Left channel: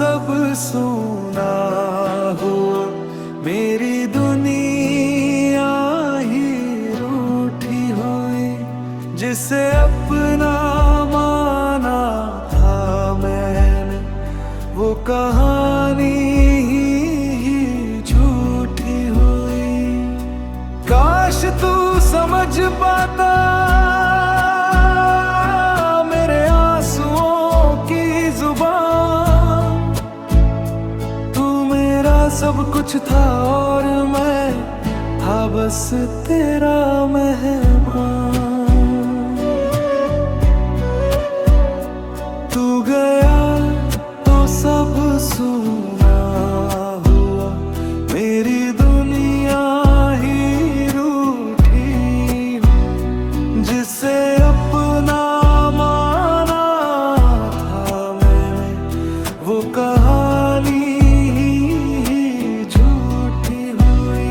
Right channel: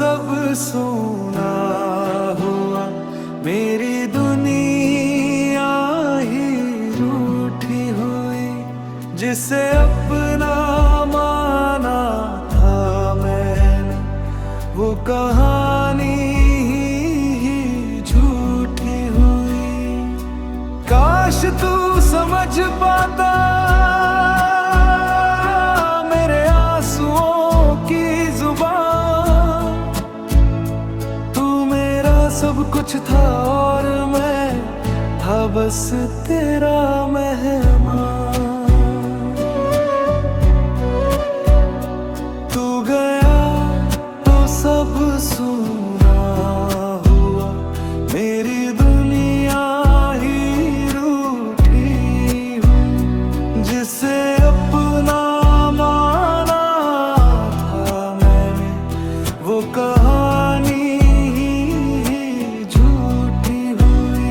सब सूना हुआ, मेरी दुनिया ही रूठी हुई। जिसे अपना माना था मैंने, वो कहानी ही झूठी हुई। काश तू समझ पाता मेरे आंसुओं की जुबान। तू मेरा सब कुछ था और मैं था बस तेरा मेहमान। तू गया तो सब सूना हुआ, मेरी दुनिया ही रूठी हुई। जिसे अपना माना था मैंने, वो कहानी ही झूठी हुई।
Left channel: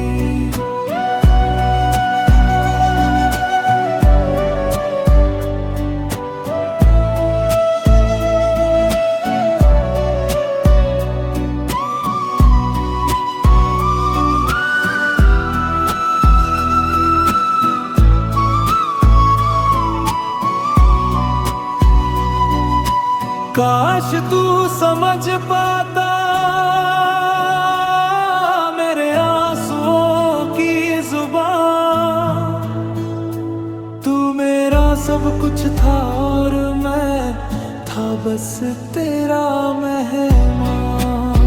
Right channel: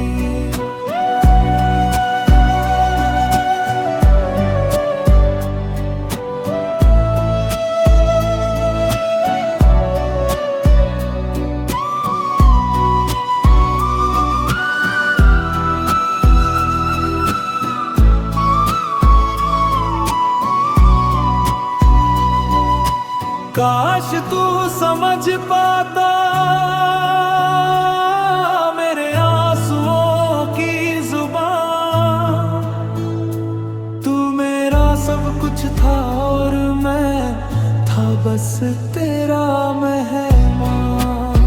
काश तू समझ पाता मेरे आंसुओं की जुबान। तू मेरा सब कुछ था और मैं था बस तेरा मेहमान।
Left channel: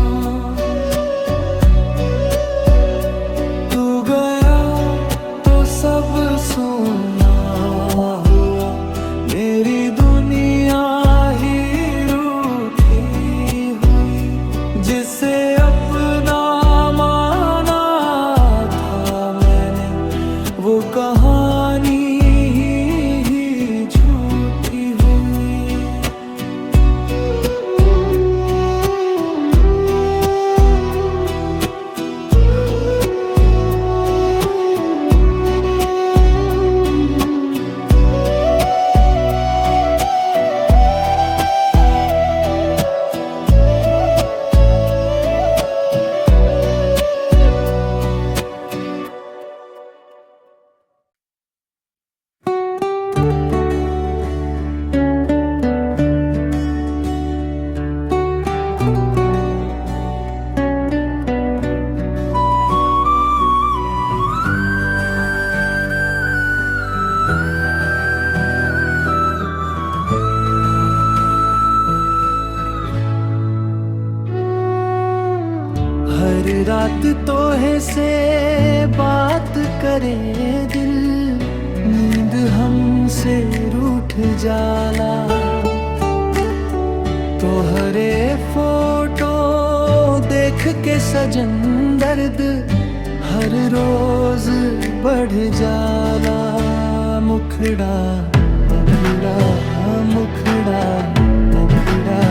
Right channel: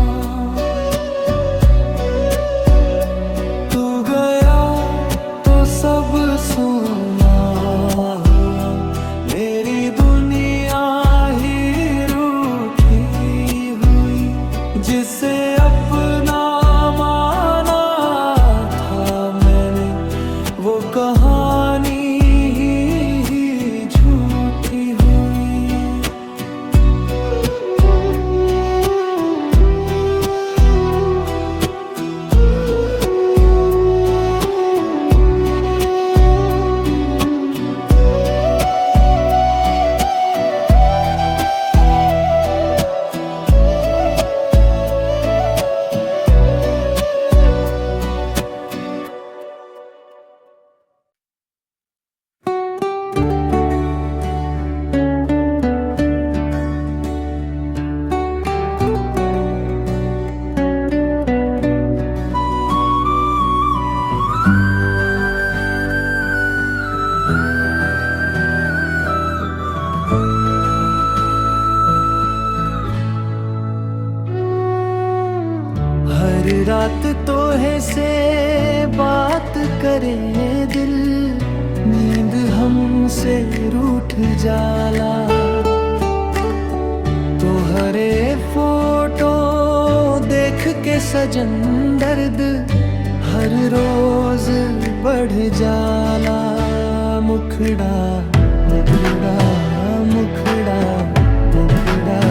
तू गया तो सब सूना हुआ, मेरी दुनिया ही जिसे अपना माना था मैंने, वो कहानी ही झूठी हुई। हर रात तोहे से बात करे दिल, नींद हमसे रूठ जाला। तोहरे फोटो देख के सजन दर्द हर रोज बढ़ जाला। मुखड़ा मुखड़ा मुखड़ा मुखड़ा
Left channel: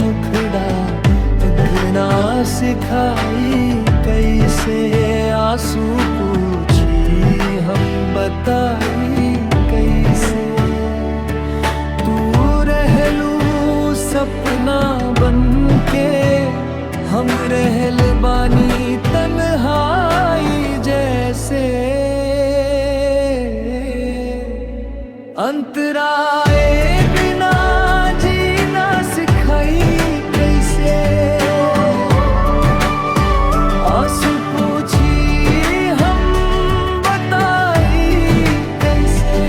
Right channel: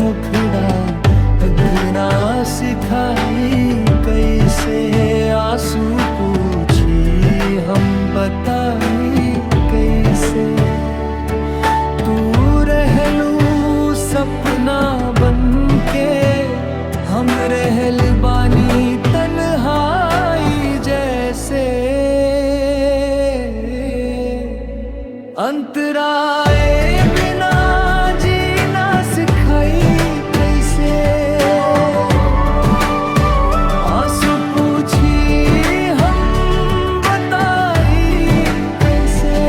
मुखड़ा, बिना सिखाई कैसे आंसू पूछी हम बताई कैसे। तू रहलू सपना बन के, हम रहल बानी तन्हाई जैसे। अंतराए बिना जीना सिखाई कैसे। आंसू पूछी हम बताई कैसे।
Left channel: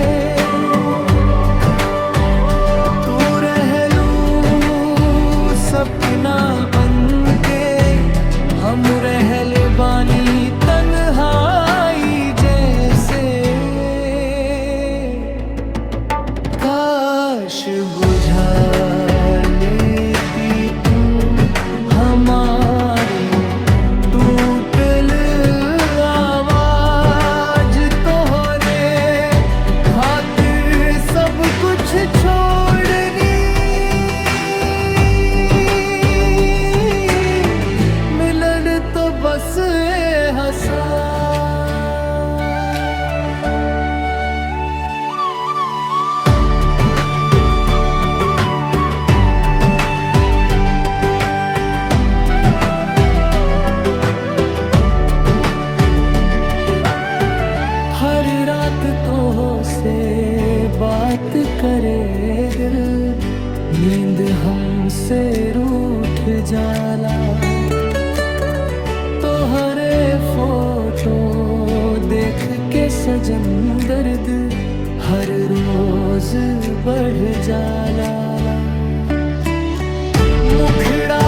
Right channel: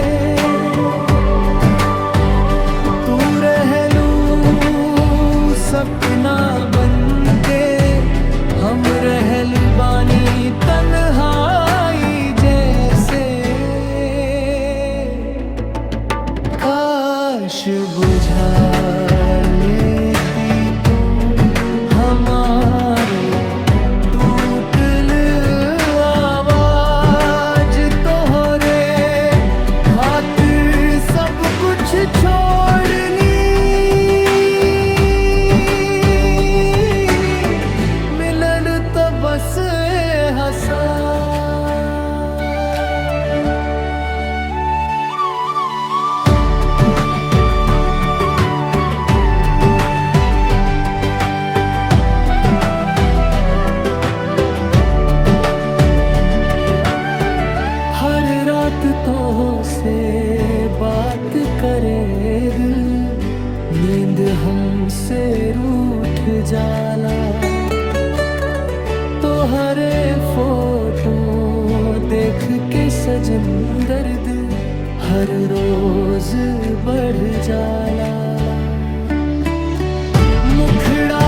तू रहलू सपना बन के, हम रहल बानी तन्हाई जैसे। काश बुझा लेती तू हमारे टूटल आवाज। तोहरे खातिर सब कुछ छोड़नी, मिलन तो बस हंसा। करे दिल, नींद हमसे रूठ जाला। तोहरे फोटो देख के सजन दर्द हर रोज बढ़ जाला। मुखड़ा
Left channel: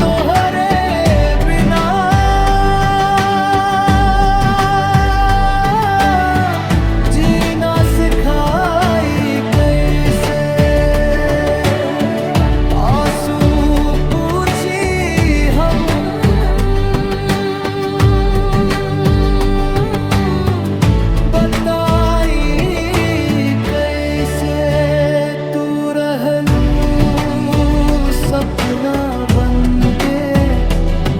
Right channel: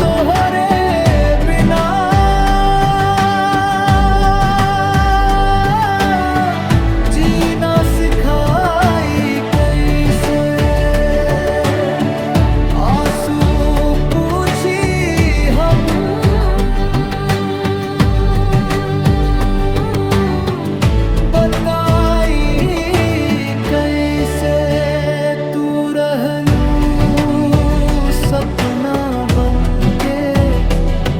तोहरे बिना जीना सिखाई कैसे, आंसू पूछी हम बताई कैसे। तू रहलू सपना बनके,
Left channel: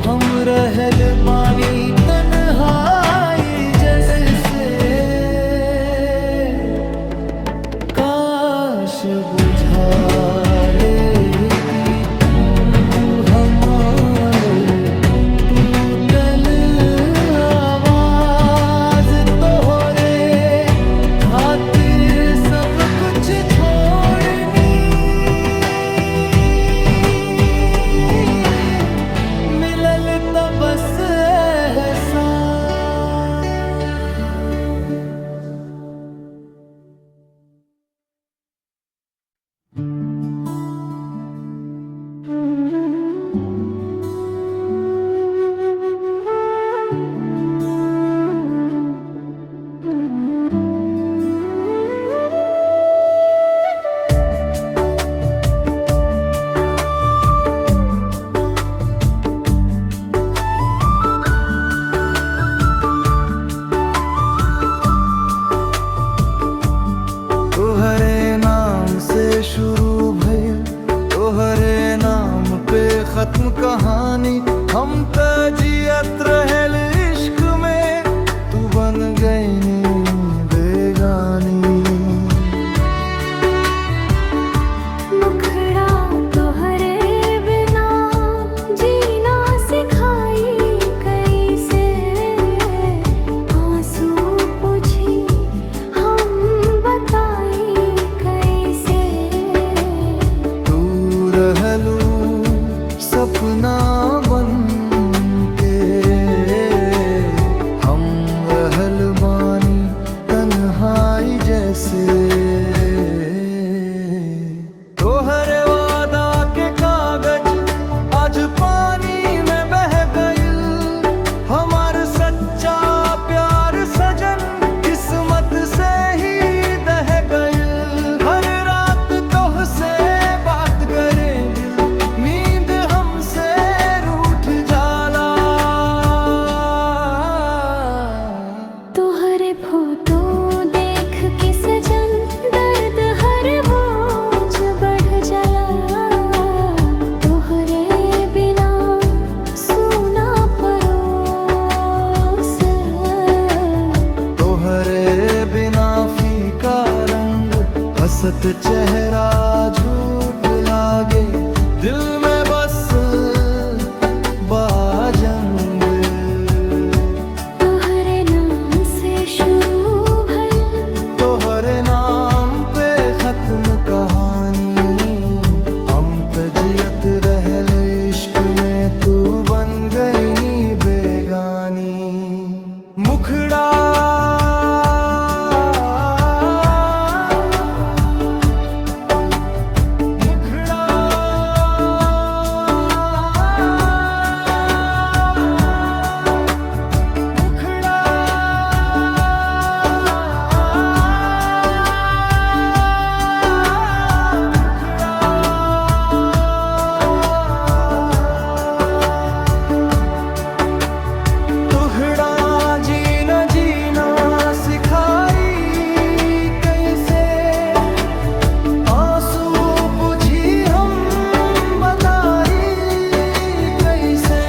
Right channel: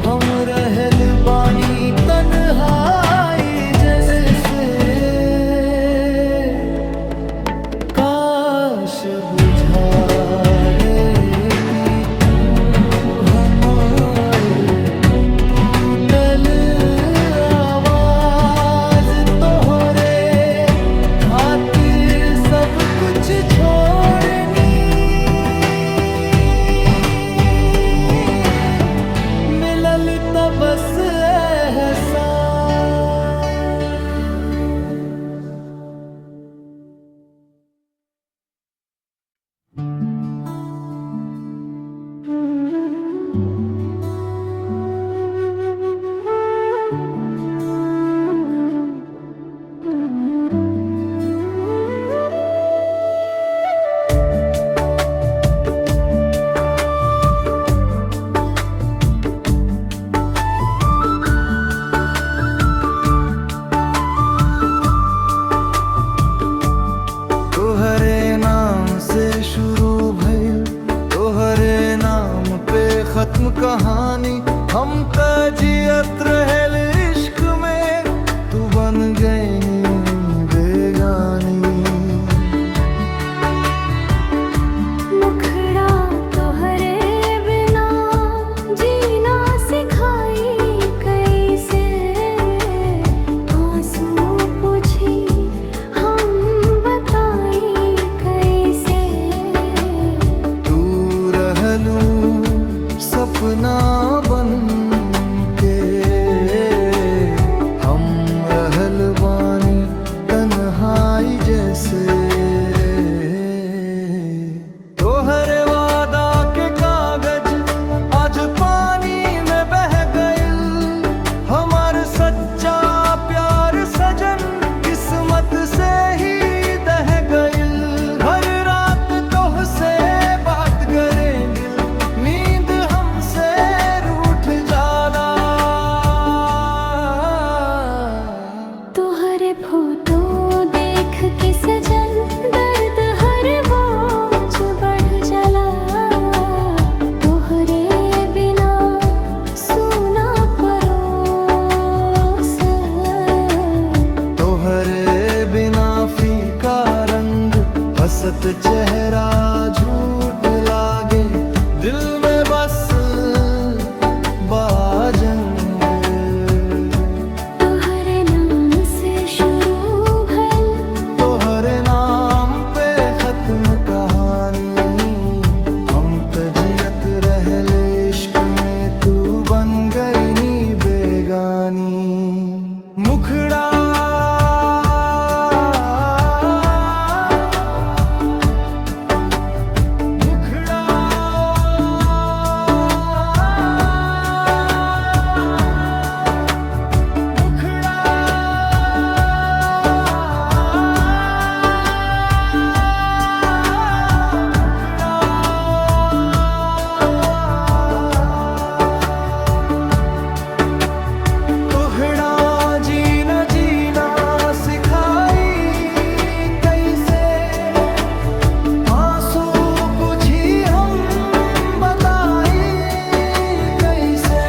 हम रहल बानी तन्हाई जैसे। काश बुझा लेती तू हमारे टूटल आवाज, तोहरे खातिर सब कुछ छोड़नी। मिलल त बस एहसास। तोहरे नाम से शुरू भइल, तोहरे नाम पे खत्म कहानी। हम त जियत रहल इश्क में, तू बन गई बेगानी। मुखड़ा तोहरे बिना जीना सिखाई कैसे, आंसू पूछी हम बताई कैसे। तू रहलू सपना बन के, हम रहल बानी तन्हाई जैसे। तोहरे वादा के कागज आज पानी में बह गइल, हमार सच्चा प्यार सजन किस्मत से ही दह गइल। हर रात तोहसे बात करे दिल, नींद हमसे रूठ जाला। तोहरे फोटो देख के सजन दर्द हर रोज बढ़ जाला। तोहरे बिना सूना परोस, तोहरे बिना फीका रंग, हसत चेहरा झूठ लागे। दिल में बस बाजंग, तोहरे नाम से शुरू भइल, तोहरे नाम पे खत्म कहानी। हम त जियत रहल इश्क में, तू बन गई नी बेगानी। मुखड़ा मुखड़ा मुखड़ा तोहरा जीना जीना सिखाई कैसे, आंसू पूछी हम बताई कैसे।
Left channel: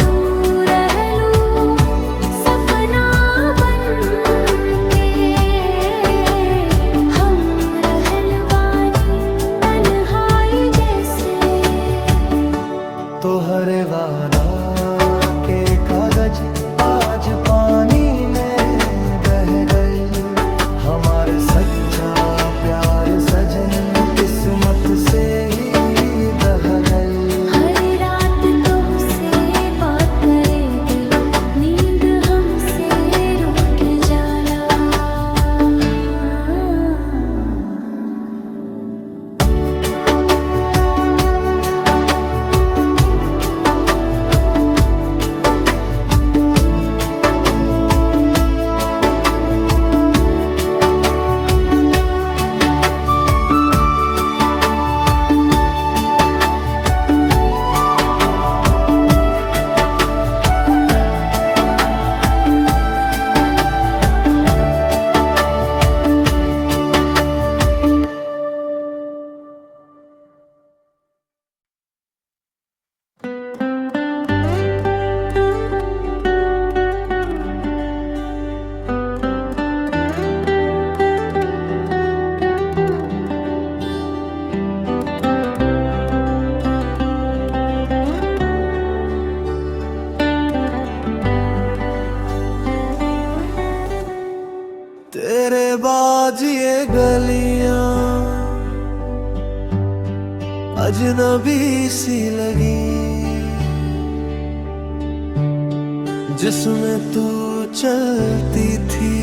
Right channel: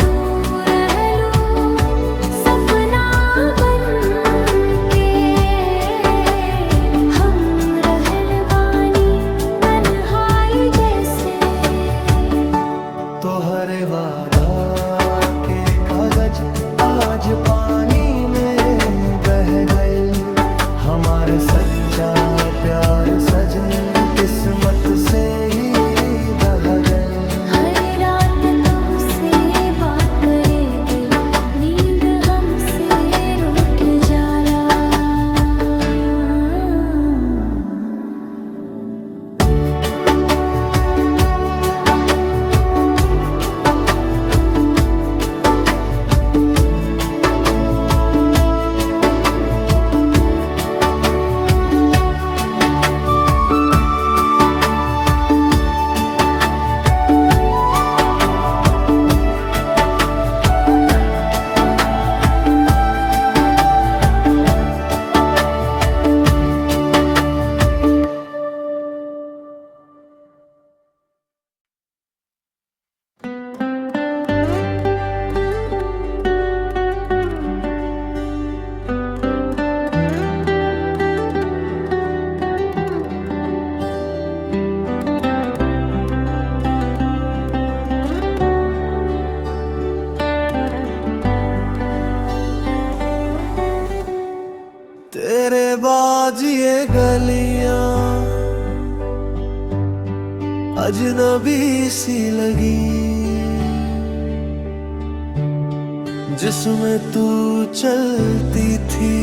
तू रहलू सपना बन के, हम रहल बानी तन्हाई जैसे। तोहरे वादा के कागज आज पानी में बह गए, हमारे सच्चे सच्चा प्यार सजन किस्मत से ही दह गई। हर रात तो से बात करे दिल, नींद हमसे रूठ जाला। तेरे बाद ये गलियां अजनबी सी लगी, जिसमें तू चलती थी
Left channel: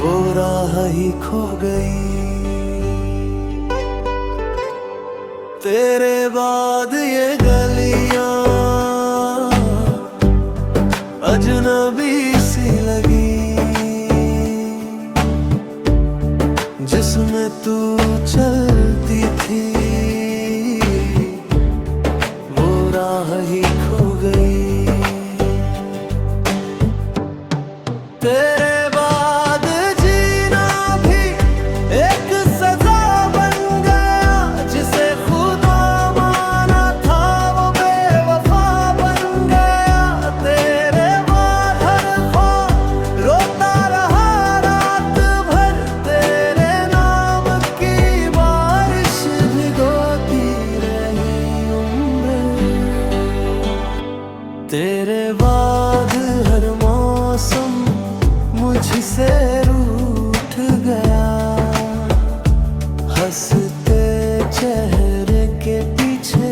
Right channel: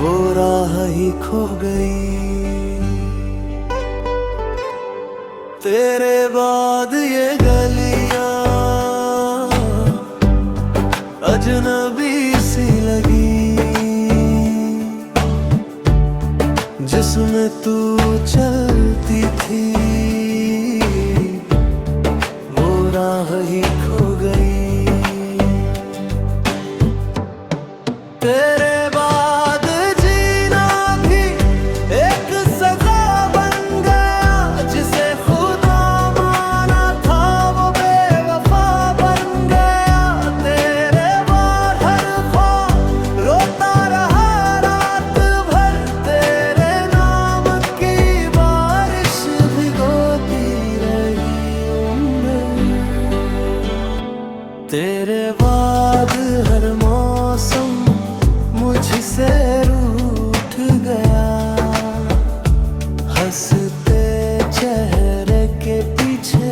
वो राह ही खो गई। तेरे बाद ये गलियां अजनबी सी लगी, जिसमें तू चलती थी वो राह ही खो गई। तेरे बाद जीना भी एक सजा बन गया, जिसे खुदा माना था वो बेवफा बन गया। तेरे बाद हर ख्वाब रोता रहा रात भर, तेरे नाम की बारिश भिगोती रही उम्र। तेरे बाद हर मौसम मुझसे रूठ गया, हंसते चेहरे के पीछे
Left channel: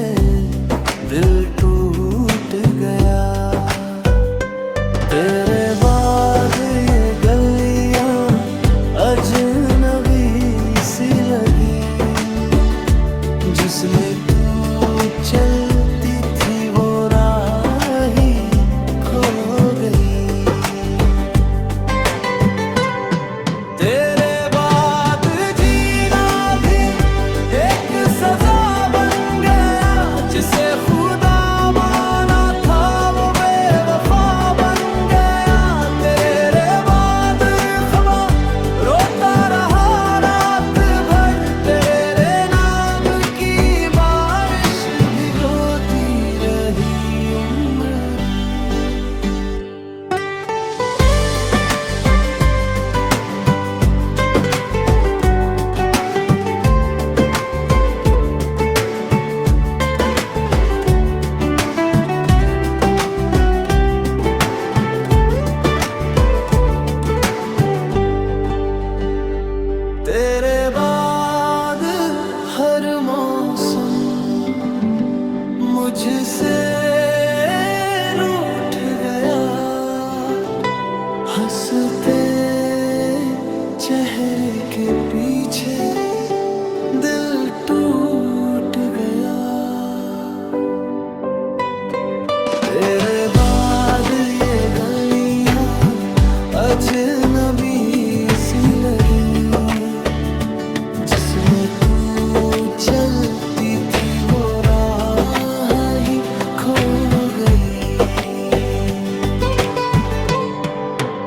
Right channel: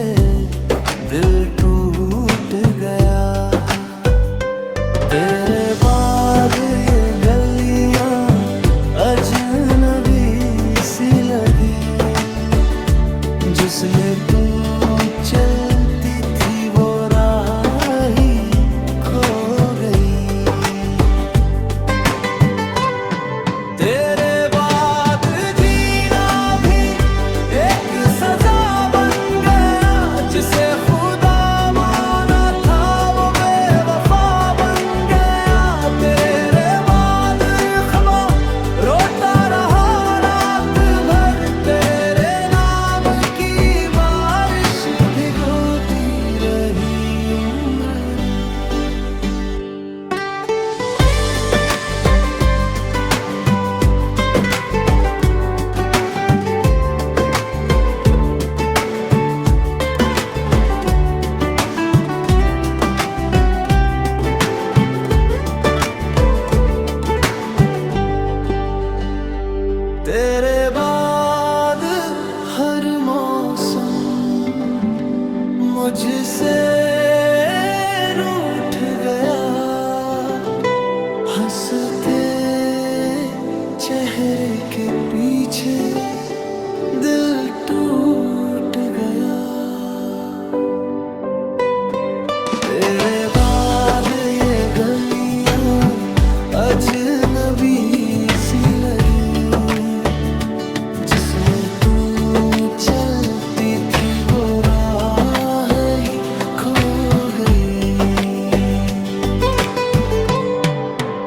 दिल टूट गया। तेरे बाद ये गलियां अजनबी सी लगी, जिसमें तू चलती थी वो राह ही खो गई। तेरे बाद जीना भी एक सजा बन गया, जिसे खुदा माना था वो बेवफा बन गया। तेरे बाद ख्वाब रोता रहा रात भर, तेरे नाम की बारिश भिगोती रही उम्र। तेरे बाद हर मौसम मुझसे रूठ गया, हंसते चेहरे के पीछे दिल टूट गया। तेरे बाद ये गलियां अजनबी सी लगी, जिसमें तू चलती थी वो राह ही खो गई।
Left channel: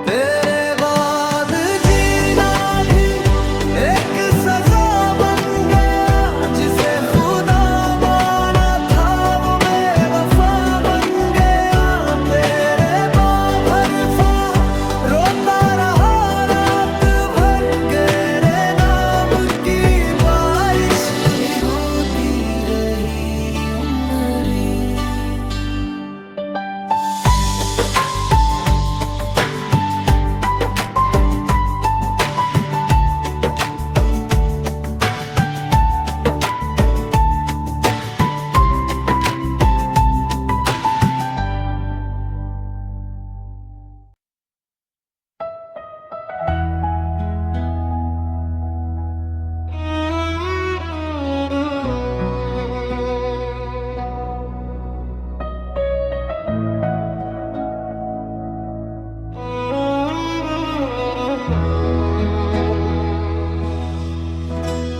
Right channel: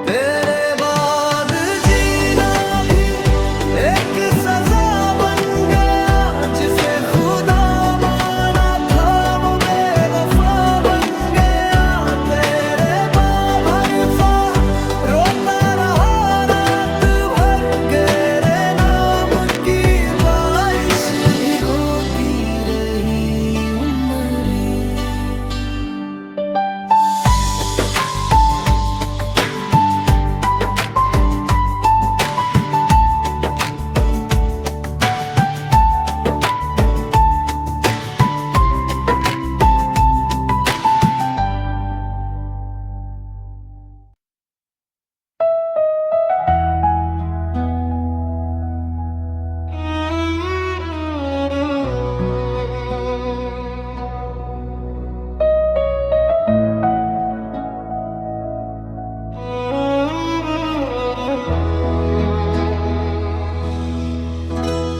तेरे बाद जीना भी एक सजा बन गया, जिसे खुदा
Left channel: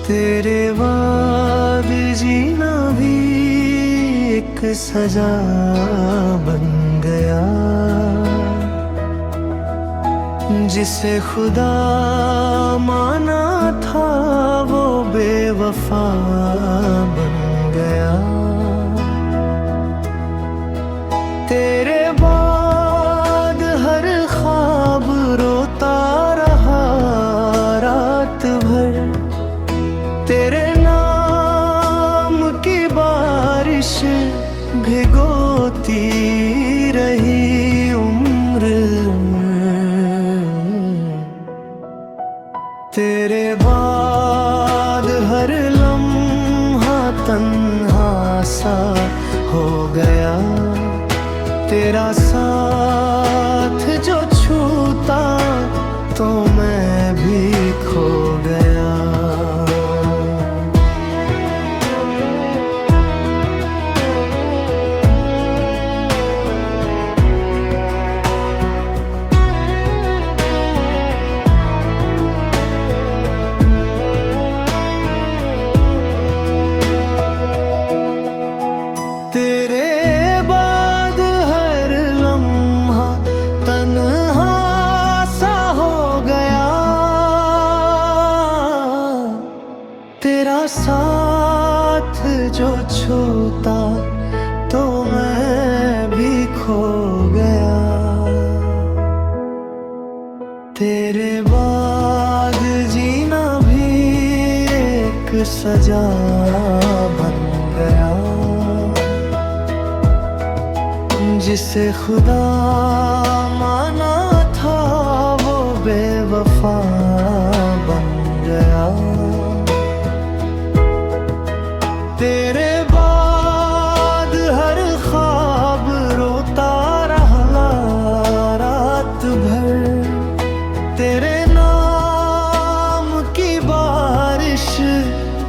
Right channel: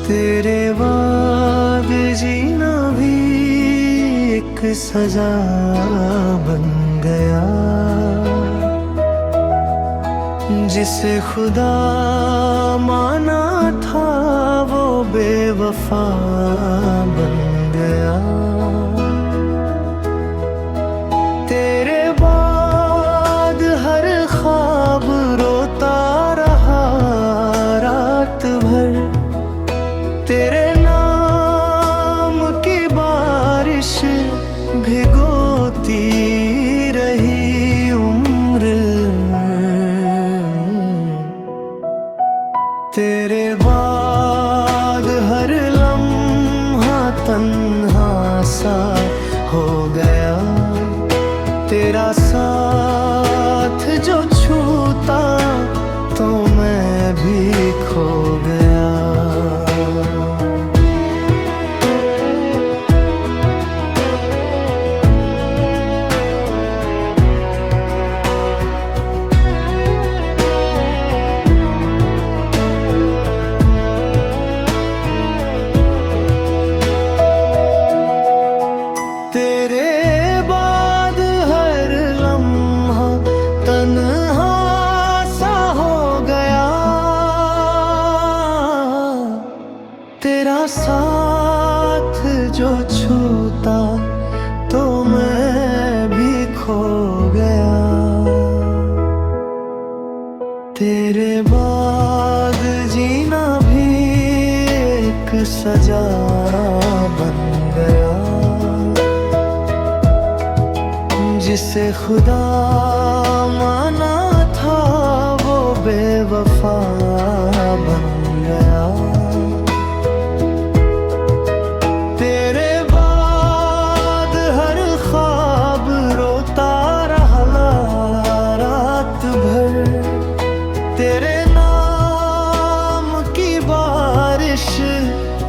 तेरे बाद जीना भी एक सजा बन गया, जिसे खुदा माना था वो बेवफा बन गया। तेरे बाद हर ख्वाब रोता रहा रात भर, तेरे नाम की बारिश भिगोती रही उम्र। तेरे बाद हर लम्हा तन्हा सा हो गया, तेरा साथ जो छूता तो मैं भी खो गया। तेरे बाद हर लम्हा तन्हा सा हो गया, तेरा साथ जो छूता तो मैं भी खो गया। तेरे बाद जीना भी एक सजा बन गया, जिसे खुदा माना था वो बेवफा बन गया। तेरे बाद हर ख्वाब रोता रहा रात भर, तेरे नाम की बारिश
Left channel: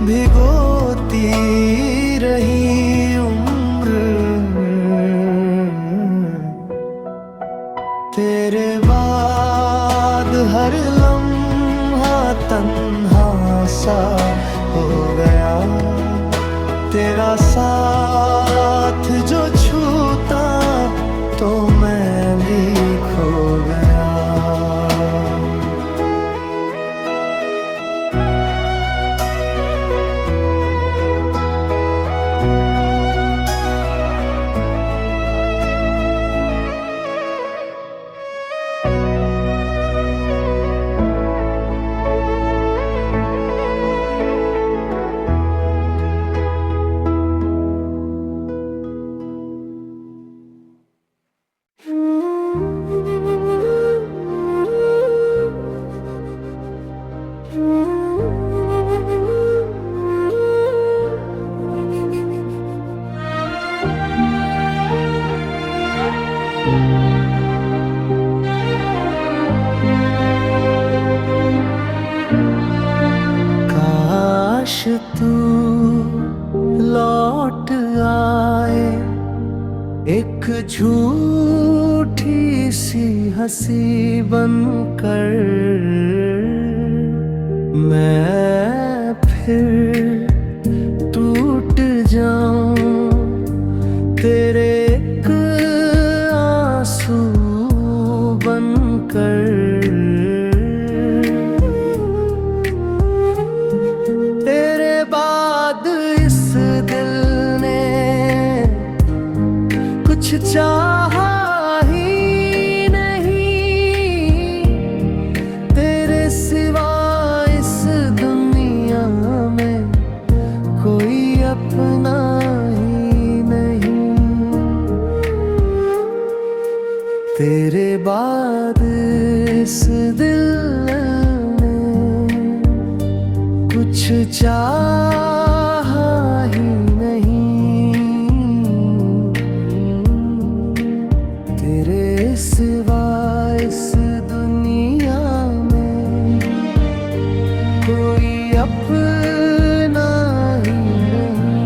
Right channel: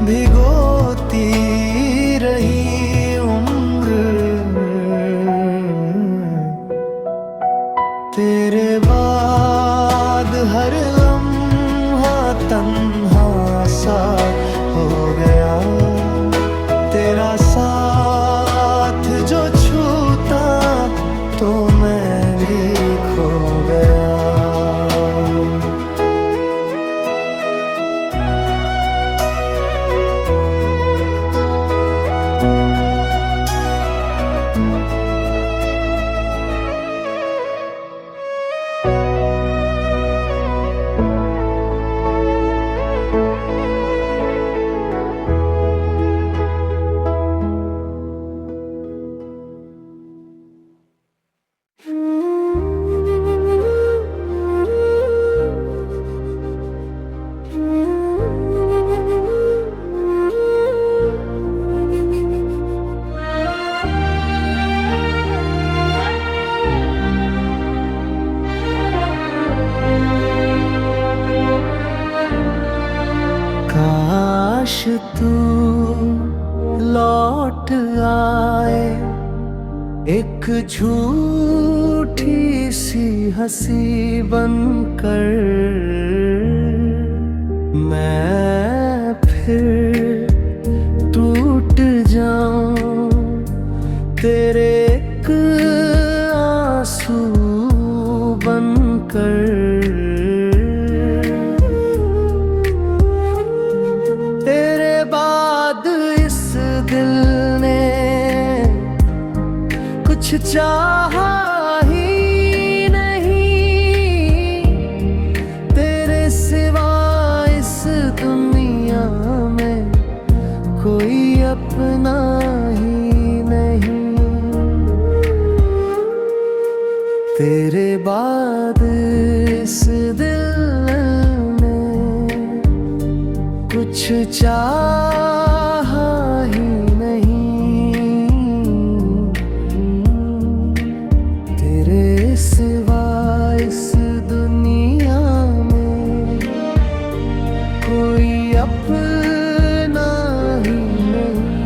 भिगोती रही उम्र। तेरे बाद हर लम्हा तन्हा सा हो गया, तेरा साथ जो छूता तो मैं भी खो गया। काश तू लौट आए, एक झूठी सी हंसी बनकर, मैं फिर टूट जाऊं तेरे एक आंसू बनकर। तेरे बाद इस दिल ने कुछ चाहा ही नहीं, तेरे सिवा इस दुनिया में कोई अपना ही नहीं। तेरे बाद इस दिल ने कुछ चाहा ही नहीं, तेरे सिवा इस दुनिया में कोई अपना ही नहीं।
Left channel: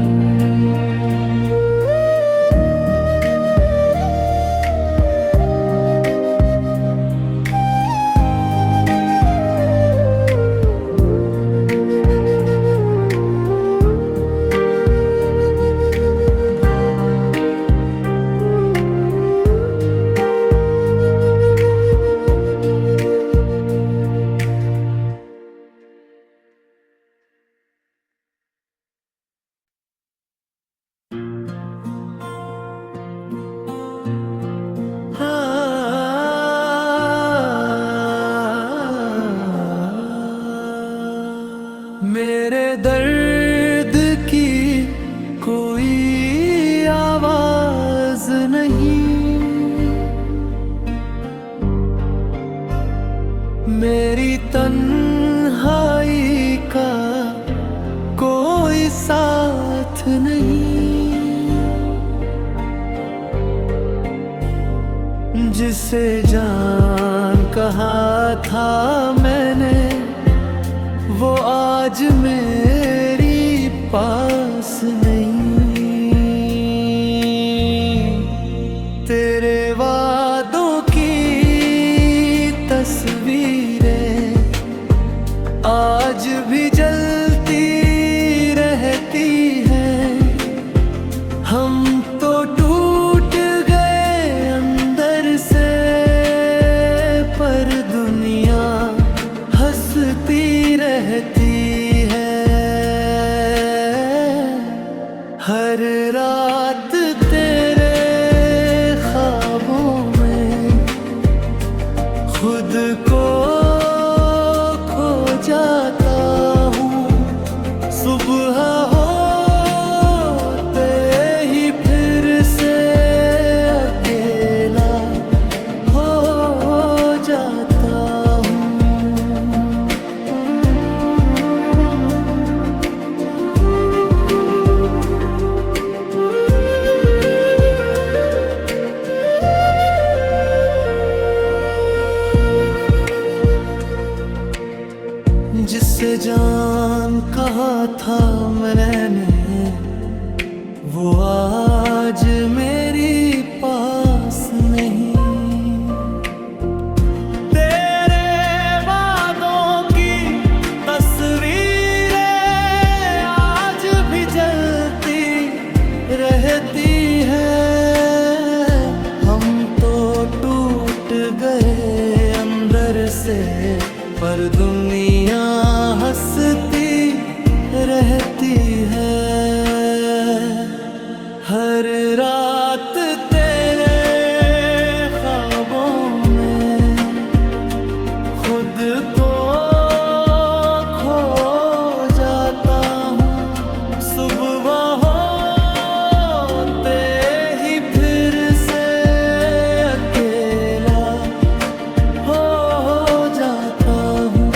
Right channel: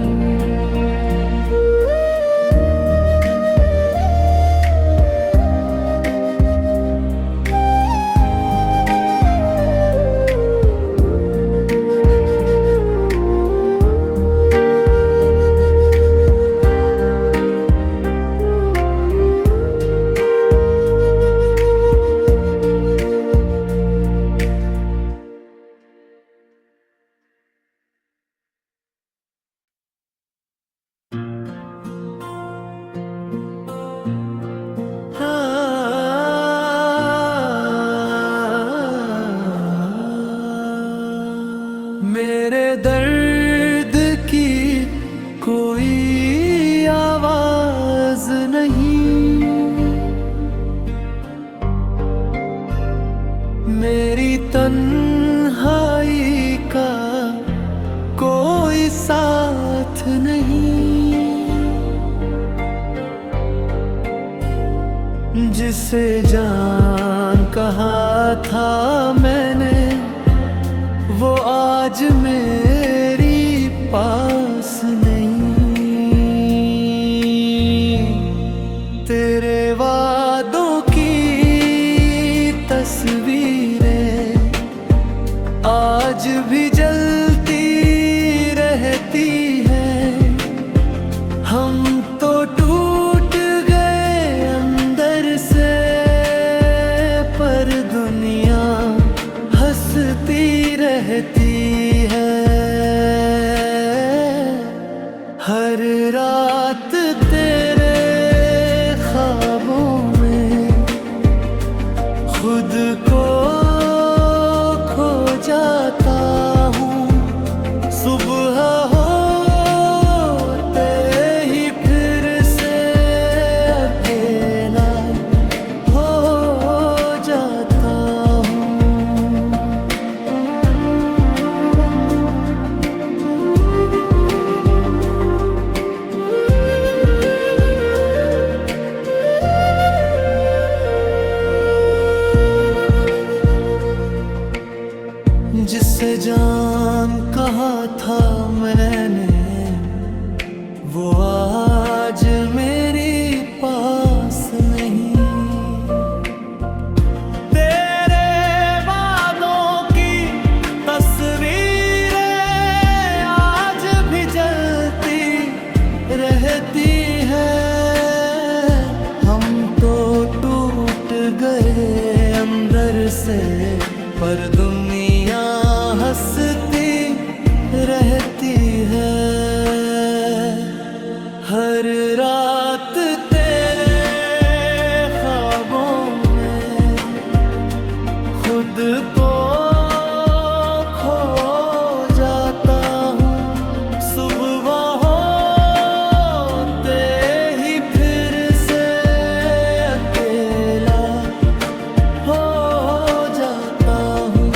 मेरे दर्द की कोई आवाज नहीं, मेरी तन्हाई का कोई साथ नहीं। जिसे जान कहा था मैंने, वो आज मेरी पास नहीं। तेरे वादों की तस्वीरें आज भी जलती रहती हैं। हम तो टूट गए अंदर से, पर दुनिया हंसती रहती है। हर रात तेरे ख्वाबों में खुद को खो जाता हूँ। सुबह होते ही फिर से अकेला हो जाता हूँ। जिससे जान कहा था मैंने, वो आज मेरी पास नहीं। तेरे वादों की तस्वीरें आज भी जलती रहती हैं। हम तो टूट गए अंदर से, पर दुनिया हंसती रहती है। हर रात तेरे ख्वाबों में खुद को खो जाता हूँ। सुबह होते ही फिर से अकेला हो जाता हूँ।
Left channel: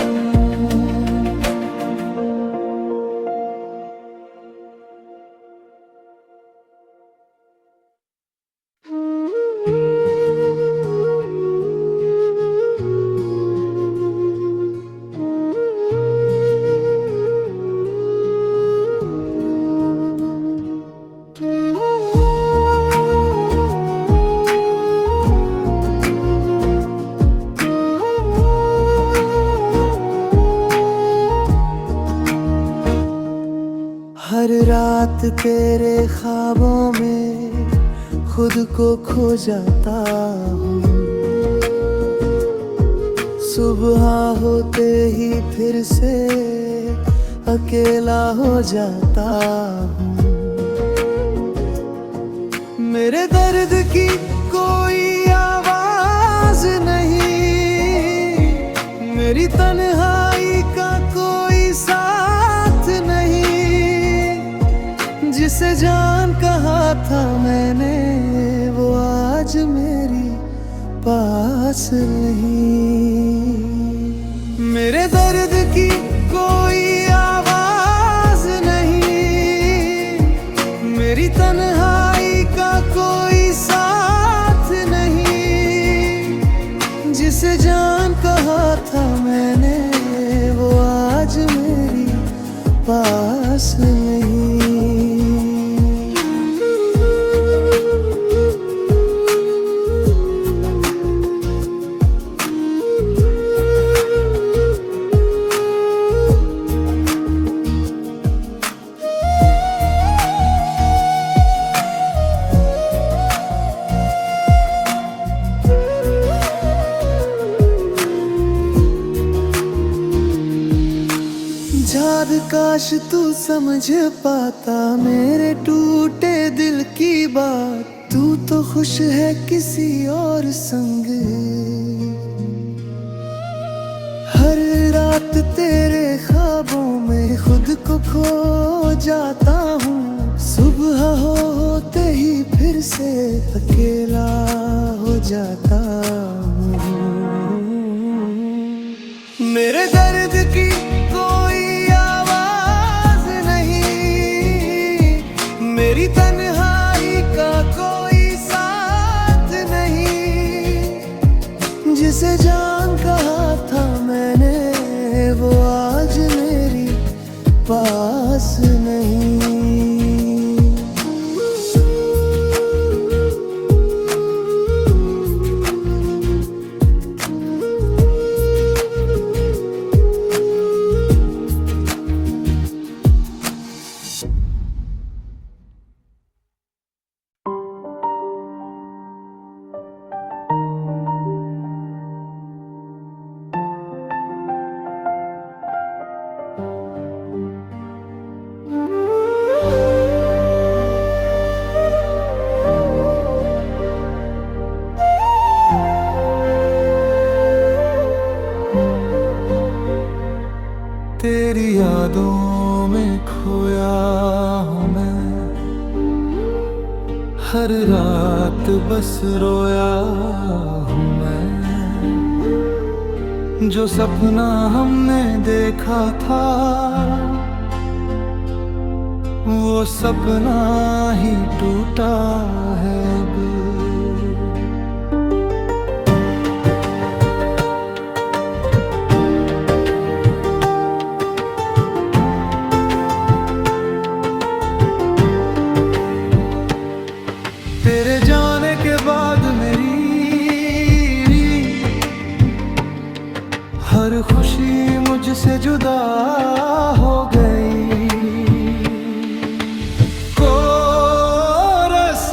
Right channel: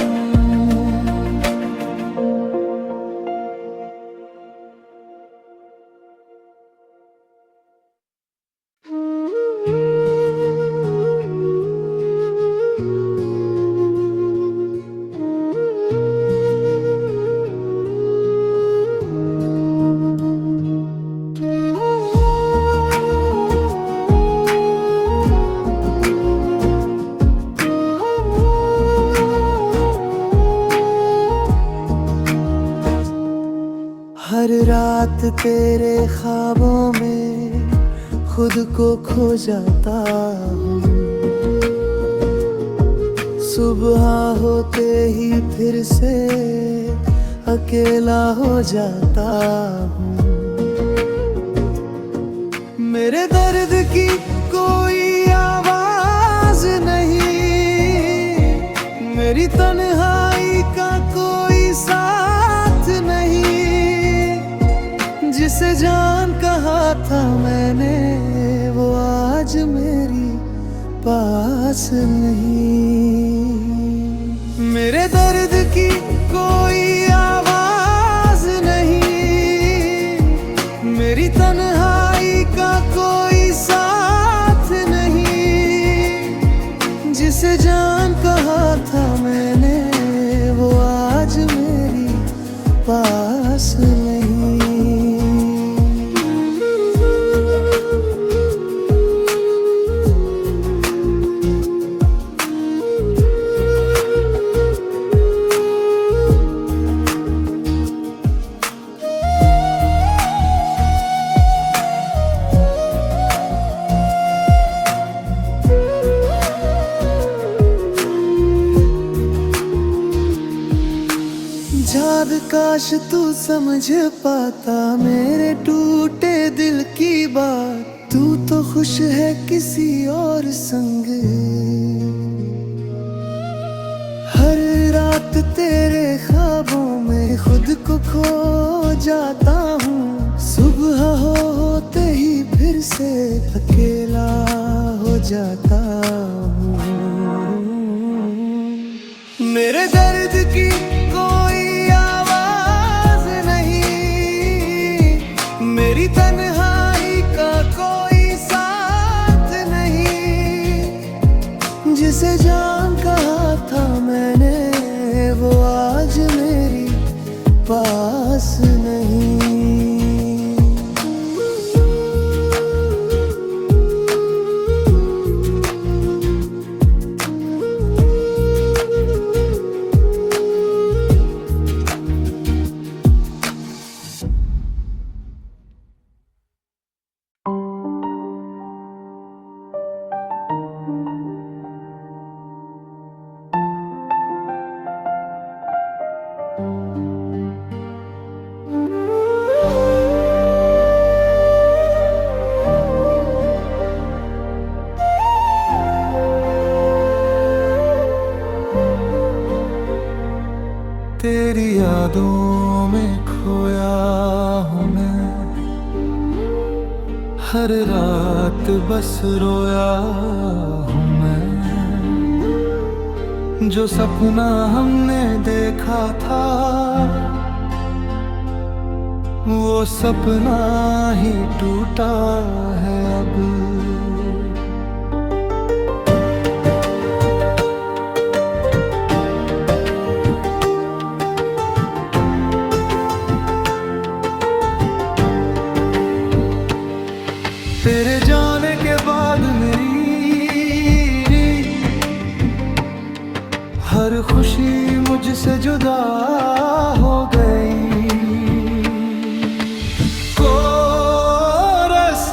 हर रात तेरे ख्वाबों में खुद को खो जाता हूँ। सुबह होते ही फिर से अकेला हो जाता हूँ। मेरे दर्द की कोई आवाज नहीं, मेरी तन्हाई का कोई साथ नहीं। जिसे जान कहा था मैंने, वो आज मेरी पास नहीं। मेरे दर्द की कोई आवाज नहीं, मेरी तन्हाई का कोई साथ नहीं। जिसे जान कहा था मैंने, वो आज मेरी पास नहीं। याद काश तू समझ पाता मेरे टूटे दिल की बात। तू तो खुश है किसी और संग। हर रात तेरे ख्वाबों में खुद को खो जाता हूँ। सुबह होते ही फिर से अकेला हो जाता हूँ। मेरे दर्द की कोई आवाज नहीं, मेरी तन्हाई का कोई साथ नहीं। जिसे जान कहा था मैंने वो आज मेरी पास नहीं। तेरी यादों में खोया हूँ मैं, हर रात बस रोया हूँ मैं। जो सपना हमने देखा था वो सपना ही टूटा है अब। तेरे जाने के बाद मेरी हर खुशी मुझसे जुदा हो गई। कोरस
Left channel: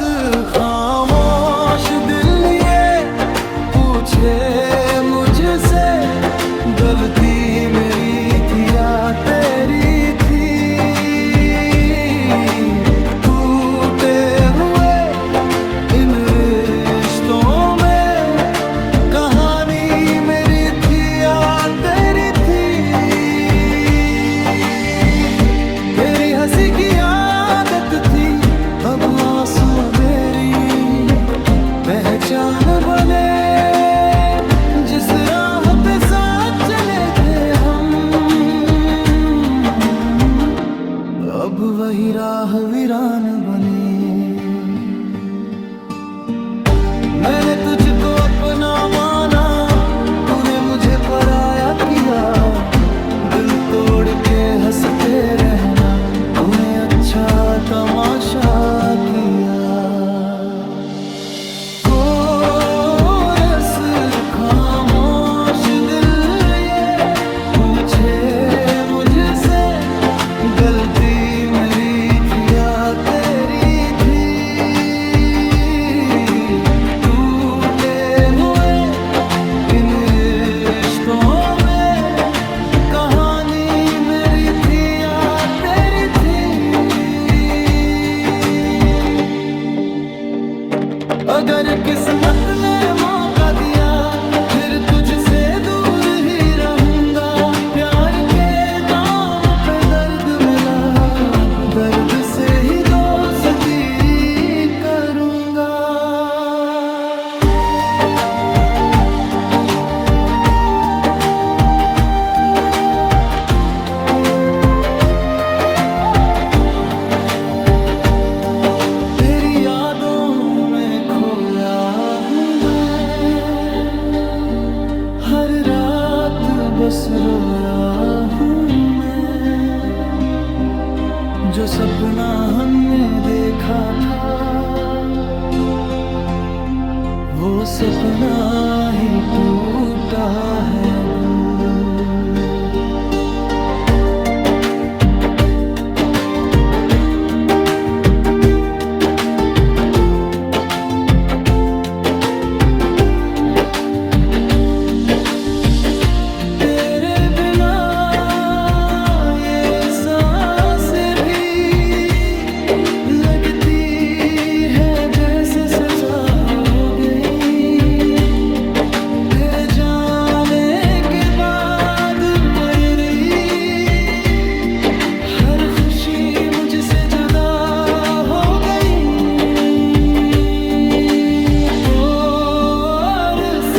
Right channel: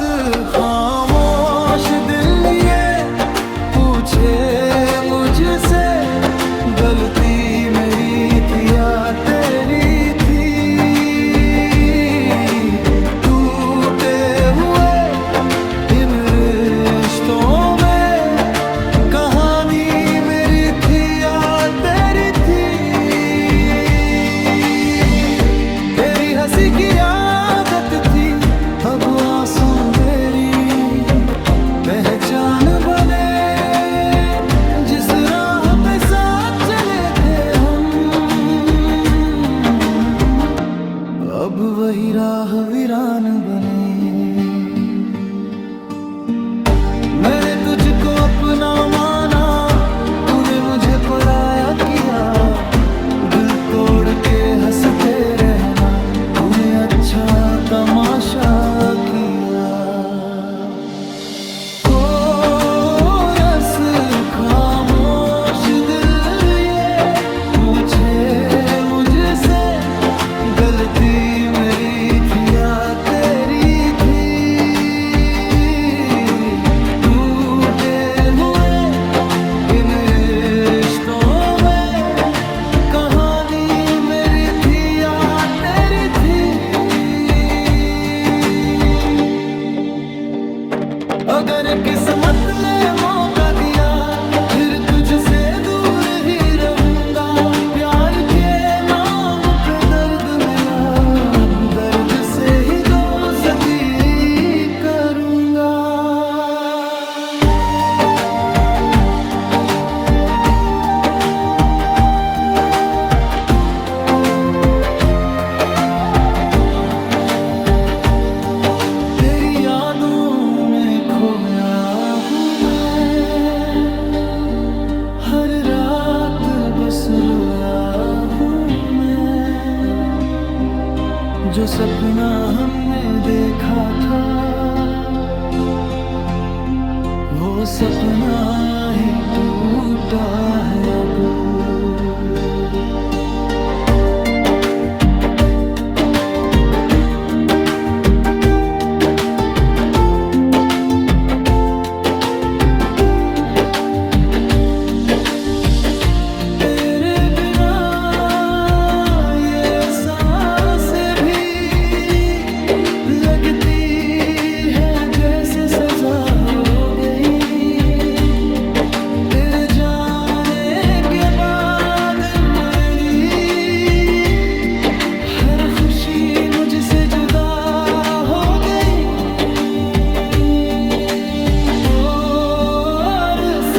खामोश दिल ये पूछे मुझसे, गलती मेरी थी या तेरी थी। टूटे हुए इन रिश्तों में कहानी मेरी थी या तेरी थी। तेरी हंसी की आदत थी अब आंसू मेरी पहचान बने। जिस राह पे साथ चले थे हम अब वही राह वीरान बने। मैंने तुझको अपना माना, तूने मुझे पराया किया। दिल तोड़ के हंसते रहना, तूने अच्छा तमाशा किया। कोरस खामोश दिल ये पूछे मुझसे, गलती मेरी थी या तेरी थी। अगर किस्मत ने मौका दिया फिर तुझसे दूर ही रहूंगा। प्यार के नाम पे दर्द मिला, अब दर्द से ही दोस्ती करूंगा। तेरी यादों में खोया हूँ मैं, हर रात बस रोया हूँ मैं। जो सपना हमने देखा था वो सपना ही टूटा है अब। तेरे बिना ये सांसें भी लगती है जैसे सजा हो गई। तेरे जाने के बाद खुशी मुझसे जुदा हो गई। और इस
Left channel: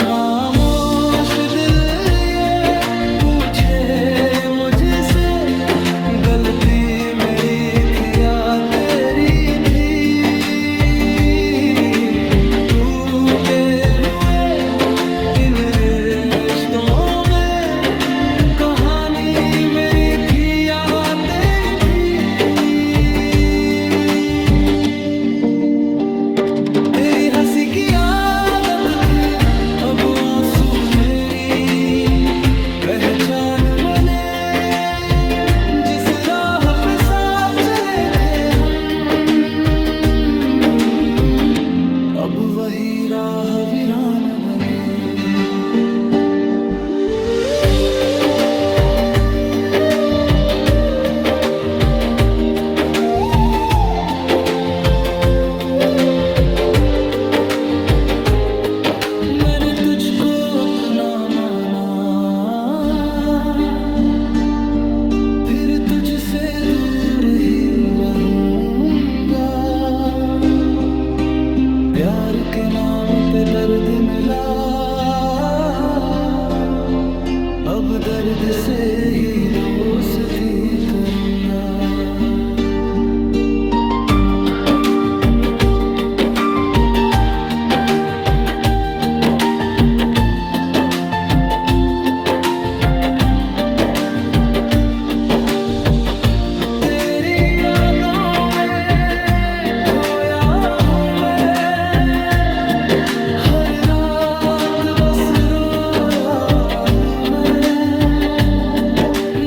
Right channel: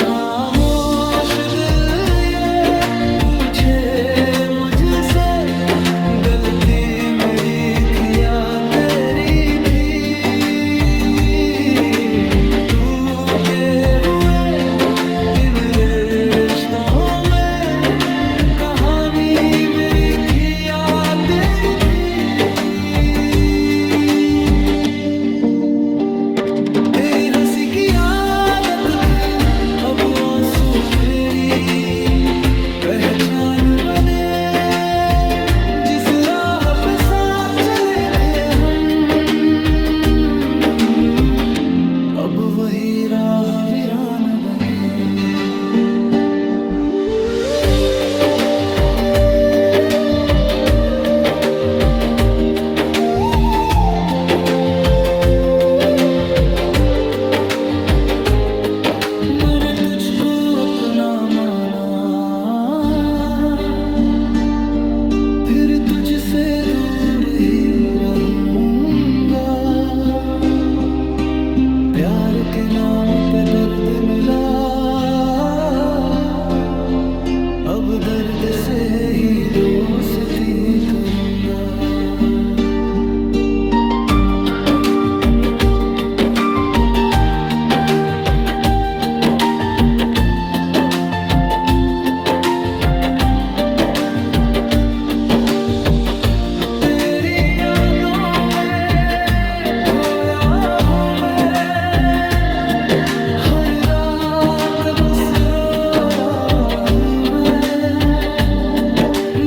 खामोश दिल ये पूछे मुझसे, गलती मेरी थी या तेरी थी। टूटे हुए इन रिश्तों में कहानी मेरी थी या तेरी थी। तेरी हंसी की आदत थी, अब आंसू मेरी पहचान बने। जिस राह पे साथ चले थे हम, अब वही राह वीरान बने। मैंने तुझको अपना माना, फिर तुझसे दूर ही रहूंगा। प्यार के नाम पे दर्द मिला, अब दर्द से ही दोस्ती करूंगा। बस रोया हूँ मैं,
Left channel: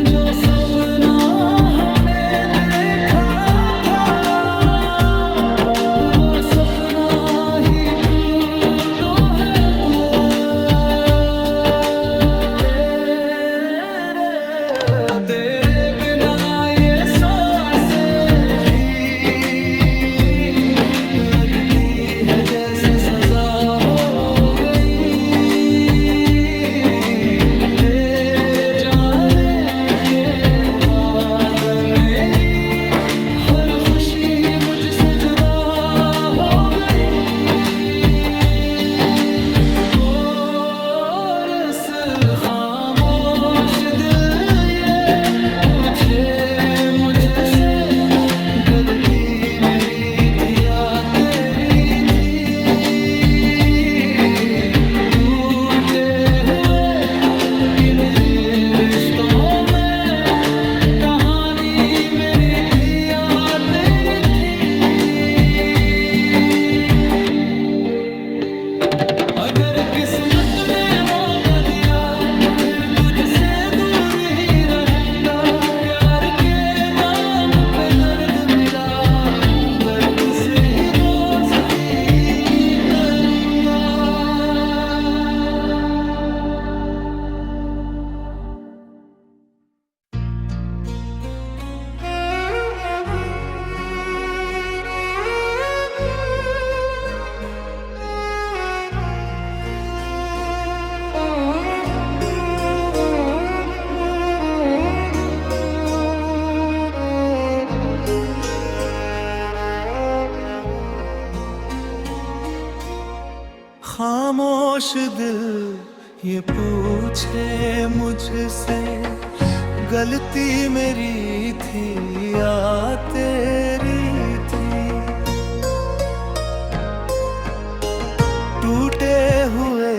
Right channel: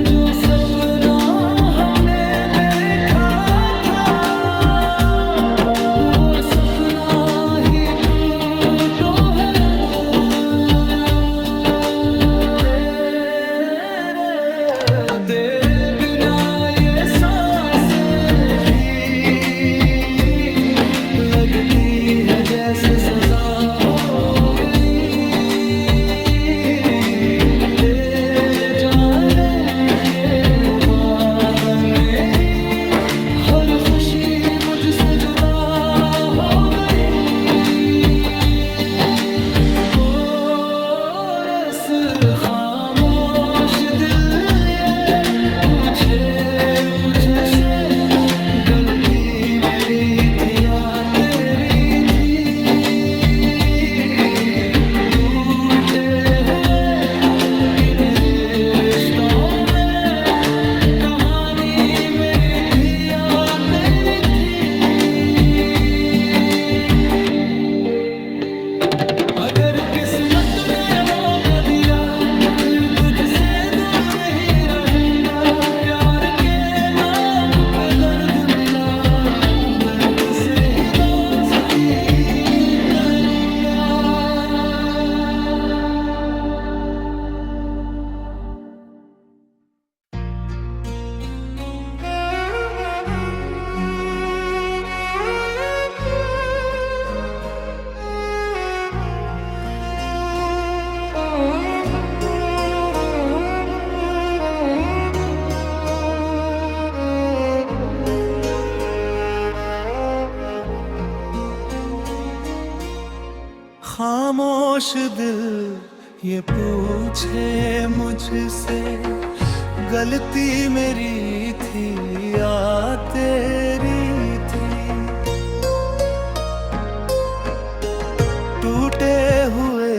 जो सपना हमने देखा था, वो सपना ही टूटो है तेरे बिना ये सांसें भी लगती है जैसे सजा हो गई। मेरी हर खुशी मुझसे जुदा हो गई। और इस खामोश दिल ये पूछे मुझसे, गलती मेरी थी या तेरी थी। टूटे हुए इन रिश्तों में कहानी मेरी थी या तेरी थी। अगर किस्मत ने मौका दिया, फिर तुझसे दूर ही रहूंगा। प्यार के नाम पे दर्द मिला, दर्द से ही दोस्ती करूंगा। खामोश दिल ये पूछे मुझसे, गलती मेरी थी या तेरी थी। टूटे हुए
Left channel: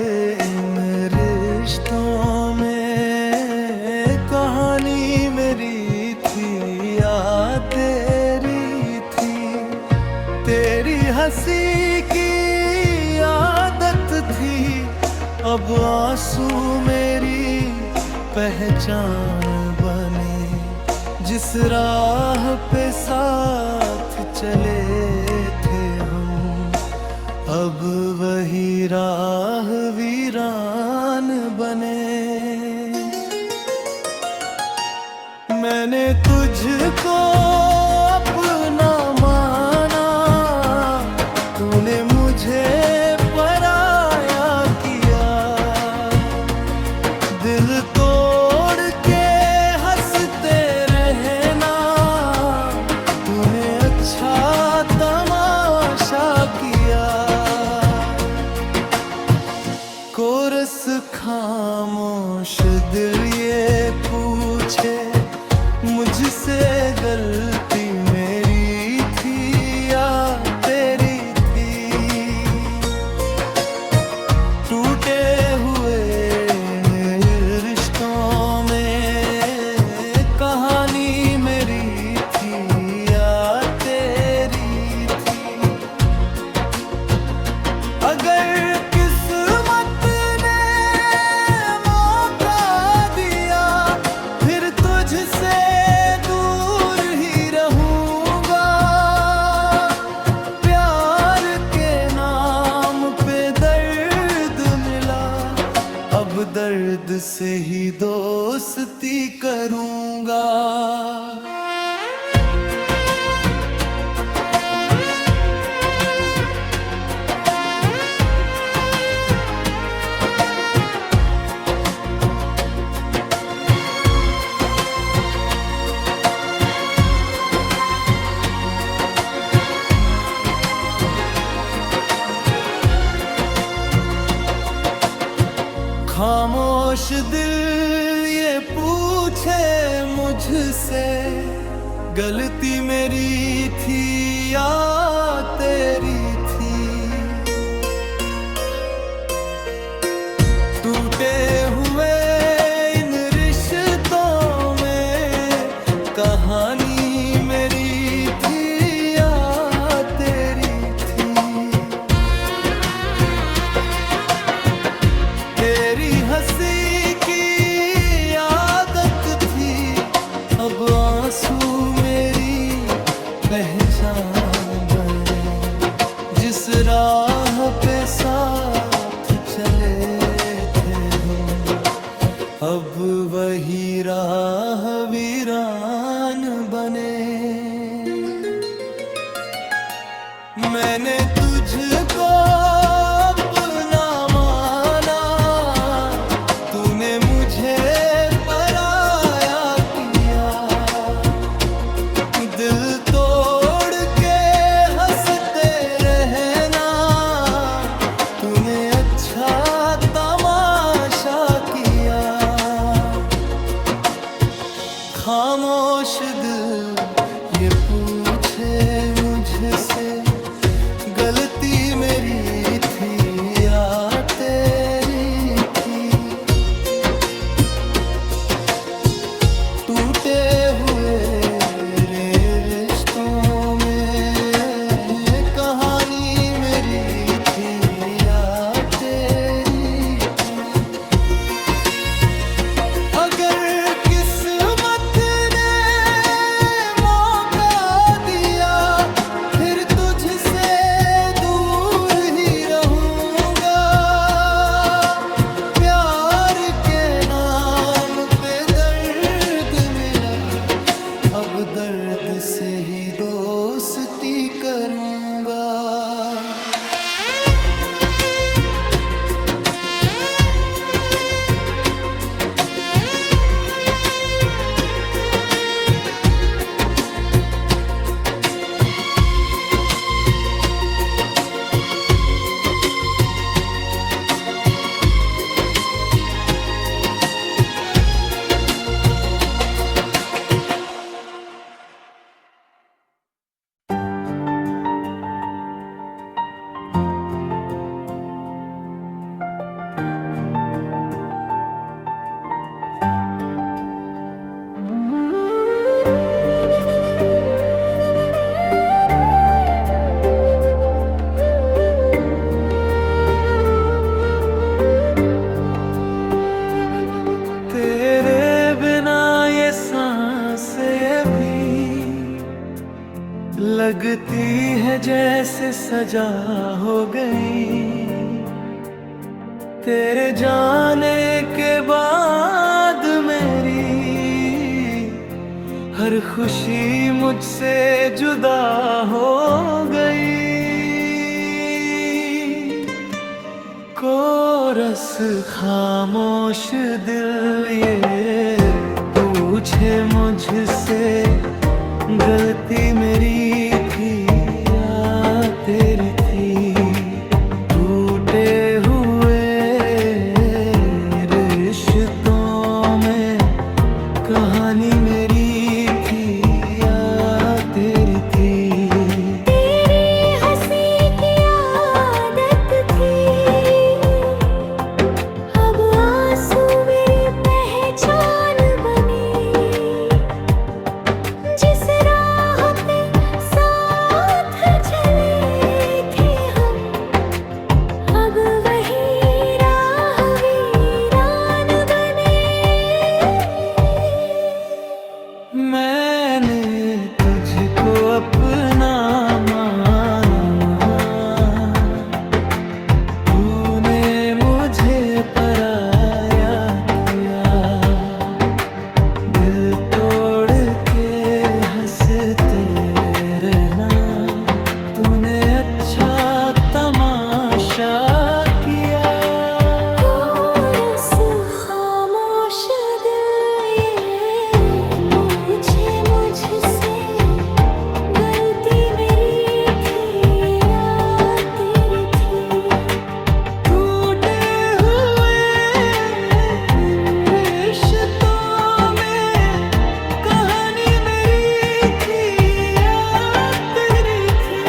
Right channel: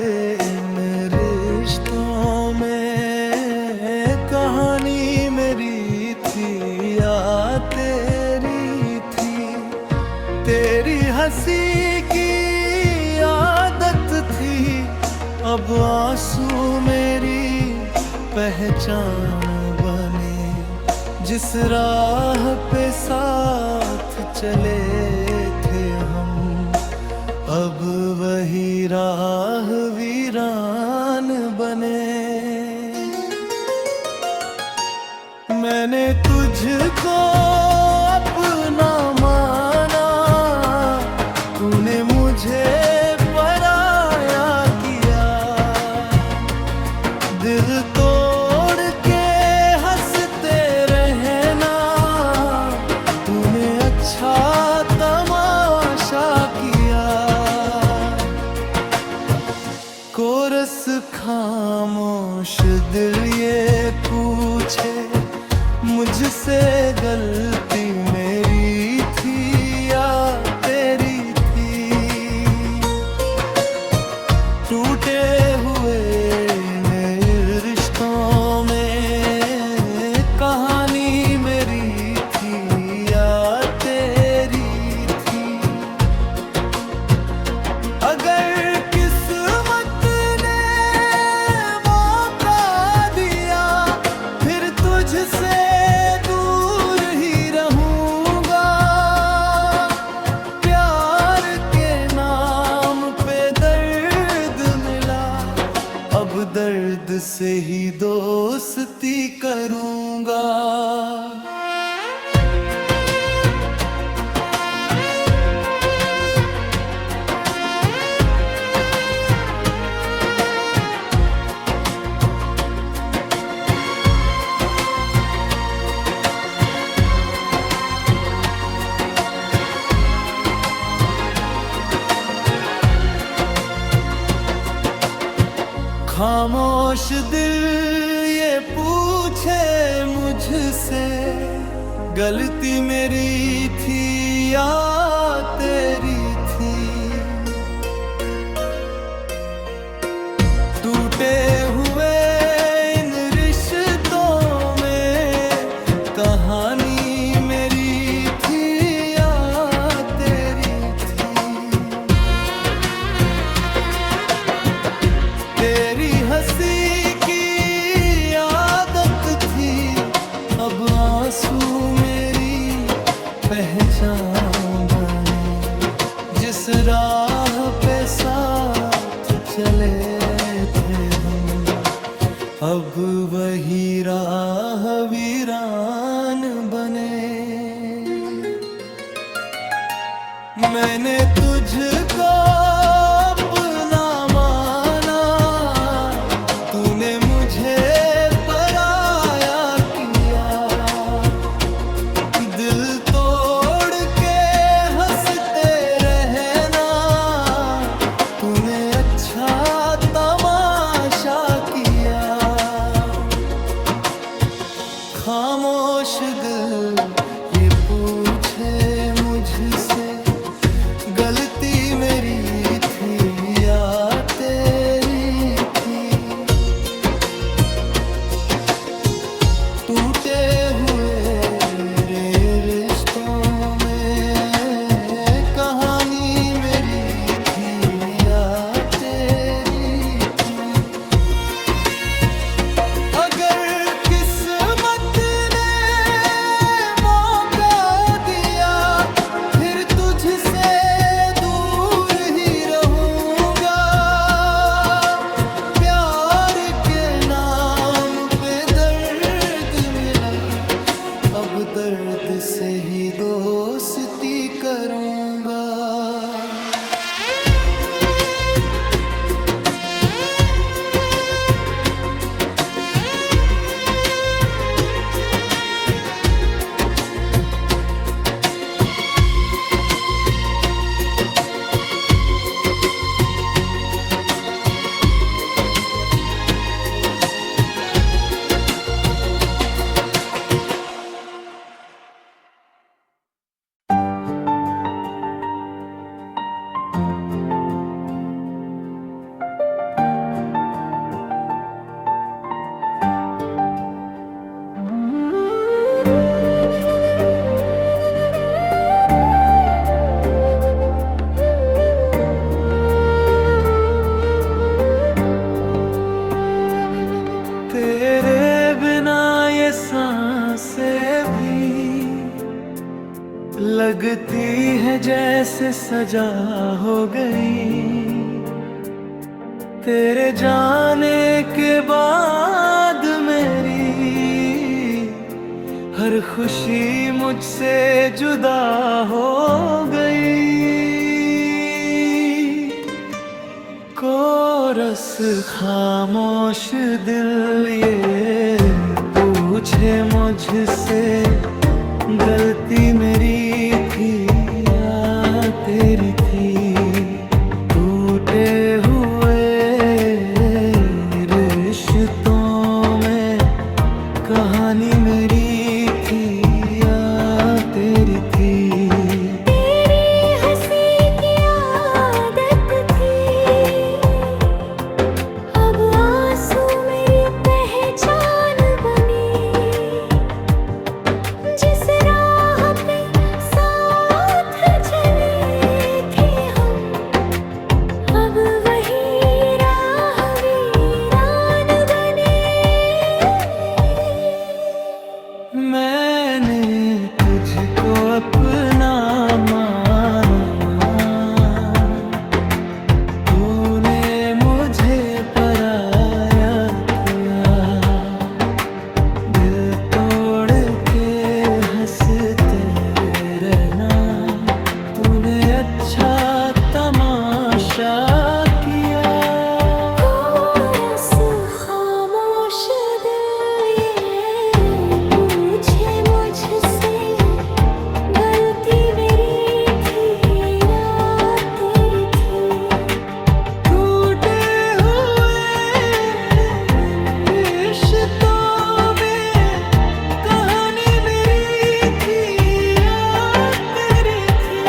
इन रिश्तों में कहानी मेरी थी या तेरी थी। तेरी हंसी की आदत थी, अब आंसू मेरी पहचान बने। जिस राह पे साथ चले थे हम, अब वही राह वीरान बने। मैंने तुझको अपना माना, तूने मुझे पराया किया। दिल तोड़ के हंसते रहना, पूछे मुझसे गलती मेरी थी या तेरी थी। टूटे हुए रिश्तों में कहानी मेरी थी या तेरी थी। अगर किस्मत ने मौका दिया फिर तुझसे दूर ही रहूंगा। प्यार के नाम पे दर्द मिला, अब दर्द से ही दोस्ती करूंगा। खामोश दिल ये पूछे मुझसे गलती मेरी थी या तेरी थी। टूटे हुए इन रिश्तों में कहानी मेरी थी या तेरी थी। तेरी हंसी की आदत थी, अब आंसू मेरी पहचान बने। जिस राह पे साथ चले थे हम, अब वही राह वीरान बने। मैंने तुझको अपना माना, तूने मुझे पराया किया। दिल तोड़ के हंसते रहना, तूने अच्छा तमाशा किया। खामोश दिल ये पूछे मुझसे गलती मेरी थी या तेरी थी। टूटे हुए रे रिश्तों में कहानी मेरी थी या तेरी थी। अगर किस्मत ने मौका दिया फिर तुझसे दूर ही रहूंगा। प्यार के नाम पे दर्द मिला, अब दर्द से ही दोस्ती करूंगा। तेरे बिना ये सांसें भी लगती है जैसे सजा हो गई। तेरे जाने के बाद मेरी हर खुशी मुझसे जुदा हो गई। कोरस खामोश दिल ये पूछे मुझसे गलती मेरी थी या तेरी थी। टूटे हुए रिश्तों में कहा मैंने तुझको अपना माना, तूने मुझे पराया किया। दिल तोड़ के हंसते रहना, तूने अच्छा तमाशा किया। कोरस खामोश दिल ये पूछे मुझसे, गलती मेरी थी या तेरी थी। टूटे हुए रिश्तों में कहानी मेरी थी या तेरी थी।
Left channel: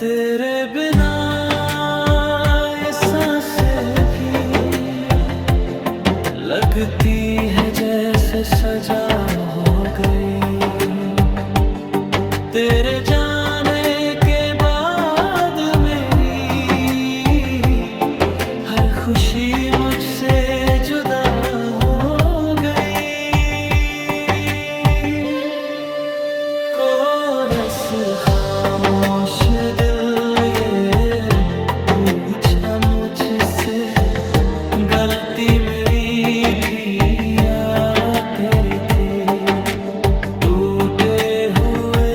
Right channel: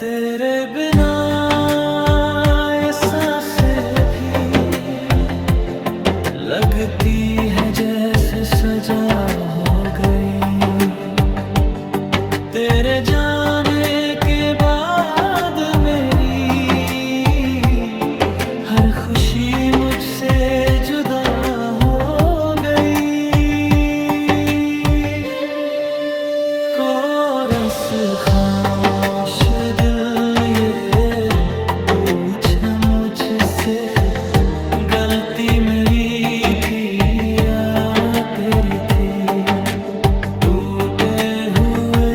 तेरे बिना ये सांसें भी लगती है जैसे सजा हो गई। तेरे जाने के बाद मेरी हर खुशी मुझसे जुदा हो गई। कोरस खामोश दिल ये पूछे मुझसे, गलती मेरी थी या तेरी थी। टूटे हुए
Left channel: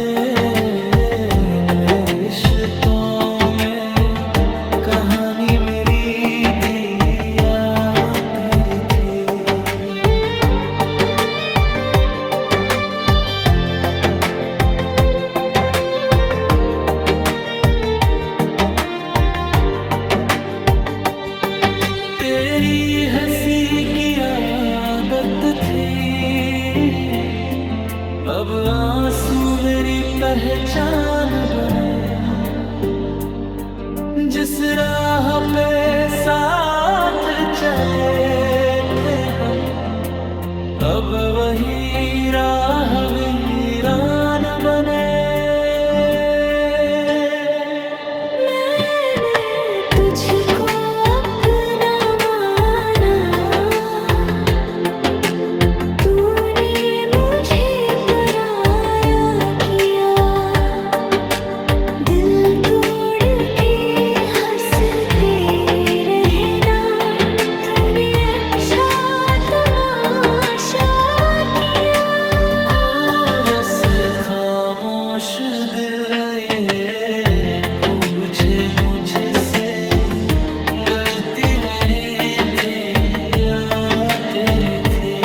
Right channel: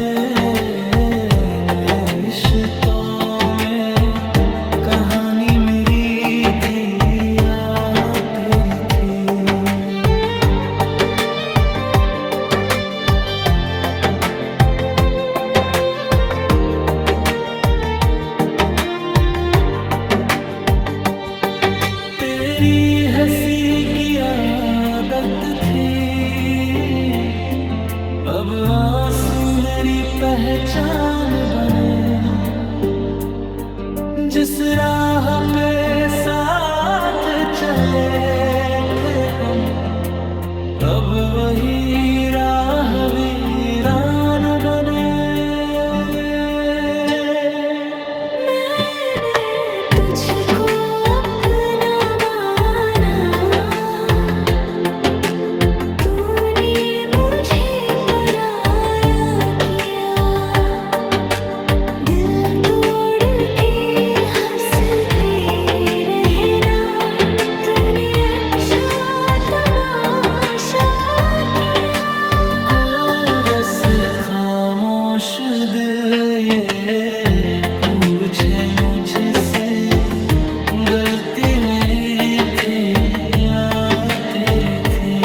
रिश्तों में कहानी मेरी थी या तेरी थी। तेरी हंसी की आदत थी, अब आंसू मेरी पहचान बने। जिस राह पे साथ चले थे हम, अब वही राह वीरान बने। मैंने तुझको अपना माना, तूने मुझे पराया किया। दिल तोड़ के हंसते रहना, तूने अच्छा तमाशा किया। कोरस खामोश दिल ये पूछे मुझसे, गलती मेरी थी या तेरी थी।